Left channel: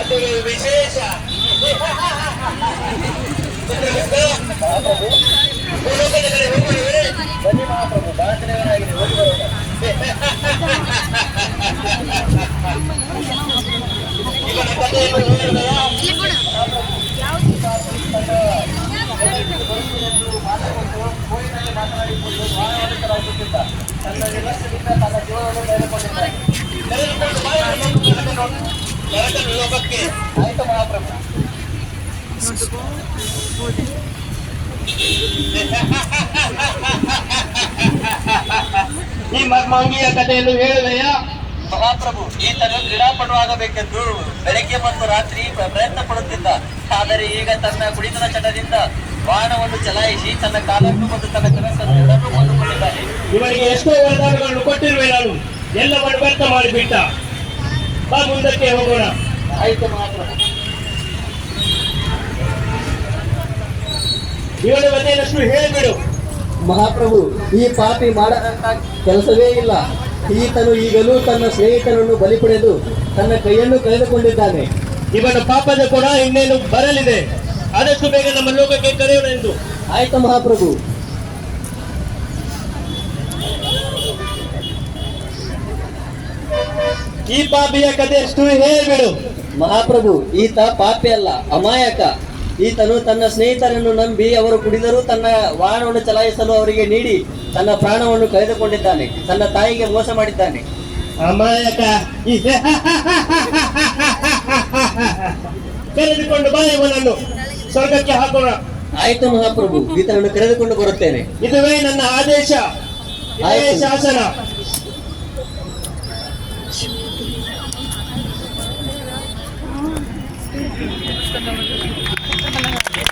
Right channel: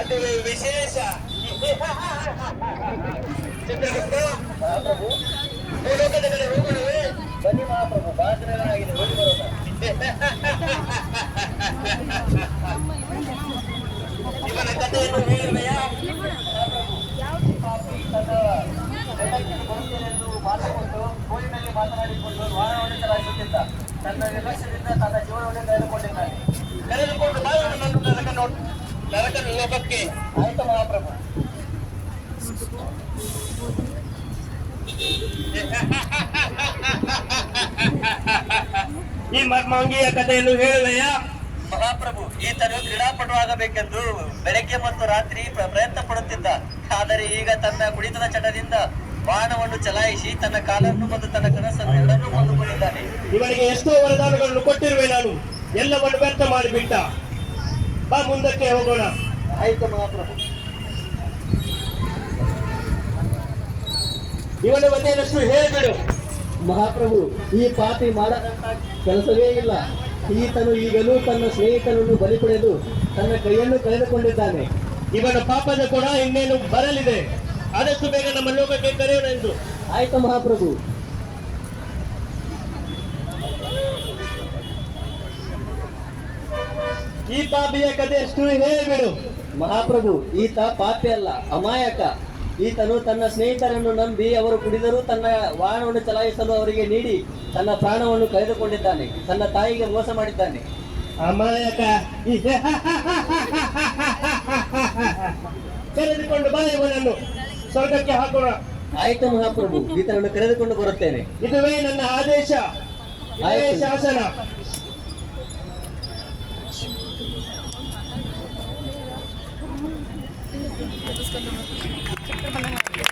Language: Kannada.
ಅದು ವಿಶೇಷ. ಬನ್ನಿ ಮಹಾಪ್ರಭು, ಬಹಳ ದಿನಗಳಾಗಿದೆ, ಹೋಗಿ ಬರೋಣ. ಇವನ ಕಥೆಯನ್ನು ಹೇಳಿದೆಯಾ? ಮಾತುಕೊಂಡು ಕೋರಿನಲ್ಲಿ ಮಾತನಾಡಿಕೊಂಡು ವಾಹನವಾಗಿದ್ದ ತನ್ನ ನಿರ್ಲಕ್ಷ್ಯದಿಂದ ತನ್ನ ಜೀವನವನ್ನು ಕಳೆದುಕೊಂಡಿದ್ದಾನೆ. ಲೋಕಕ್ಕೆ ಆಯ್ತು ಮಹಾಪ್ರಭು. ಈ ಮರ್ಮಾಂಗಿಯ ಕಥೆಯನ್ನು ಹೇಳಿದೆಯಾ? ಮಹಾಪ್ರಭು, ಈತನು ಕ್ರೀಡಾಪಟುವಾಗಬೇಕೆಂದು ಬೆಳಗ್ಗೆ ಮತ್ತು ರಾತ್ರಿ ಪ್ರಯತ್ನ ಪಡುತ್ತಿದ್ದ. ಆದರೆ ಈಗ ತನ್ನ ಕುಡಿತದ ಚಟದಿಂದ ವಾಹನವನ್ನು ಚಲಾಯಿಸಿ ತನ್ನ ಕಾಲನ್ನು ಮತ್ತು ತನ್ನ ಕನಸನ್ನು ಎಲ್ಲರೂ ಕೊಂದುಕೊಂಡಿದ್ದಾನೆ. ಇವನಿಗೆ ಎಷ್ಟೋ ವರದಾನಗಳನ್ನು ಕೊಟ್ಟಿರುವೆ ನಾನು, ಎಲ್ಲವನ್ನು ವ್ಯರ್ಥ ಮಾಡಿಬಿಟ್ಟ. ಬಾ, ಮುಂದಕ್ಕೆ ಹೋಗೋಣ. ಆಯ್ತು ಮಹಾಪ್ರಭು. ಇವನ ಮನೆಯಷ್ಟು ಹೇಳಿಬಿಡು. ಮಹಾಪ್ರಭು, ಈ ಪಾಪಿ ಮಾಡದಂತ ಕೆಲಸವೇ ಇಲ್ಲ. ಈತನು ಈಗಲೂ ತನ್ನ ಸ್ನೇಹಿತನನ್ನು ಬಲಿ ಪಡೆದು ತನ್ನ ಕೈಯನ್ನು ಕಳೆದುಕೊಂಡಿದ್ದಾನೆ. ಇವನ ಪಾಪದ ಕೂಡ ಇನ್ನೇನು ಬರಲಿದೆ. ಆದಷ್ಟು ಬೇಗ ನಮ್ಮ ಲೋಕಕ್ಕೆ ಕರೆಯೋಣ ಎಂದು. ಆಯ್ತು ಮಹಾಪ್ರಭು. ಈ ಪಾಪಿಯ ಕಥೆಯಷ್ಟು ಹೇಳಿಬಿಡು. ಮಹಾಪ್ರಭು, ಈತ ಪಾಪಿ ಅಲ್ಲ, ಅಮಾಯಕ. ಈತನು ತನ್ನ ಸ್ನೇಹಿತರನ್ನು ನಂಬಿ ಅವರು ಕುಡಿದರೂ ತನ್ನ ವಾಹನವನ್ನು ಚಲಾಯಿಸಲು ಅವರಿಗೆ ನೀಡಿ ತನ್ನ ಪ್ರಾಣವನ್ನು ಕಳೆದುಕೊಂಡಿದ್ದಾನೆ. ತನ್ನ ತಾಯಿಗೆ ಮೋಸ ಮಾಡಿದ್ದಾನೆ. ಅಮಾಯಕ. ಕರೆದುಕೊಂಡು ಬಾ, ಇವನನ್ನು ಸ್ವರ್ಗಕ್ಕೆ ಹಾಕೋಣ. ಆಯ್ತು ಮಹಾಪ್ರಭು, ಈತನನ್ನು ಕರೆದುಕೊಂಡು ಬರುತ್ತೇನೆ. ಇದುವೇ ನನ್ನ ಆದೇಶ, ಇದುವೇ ಶಾಸನ.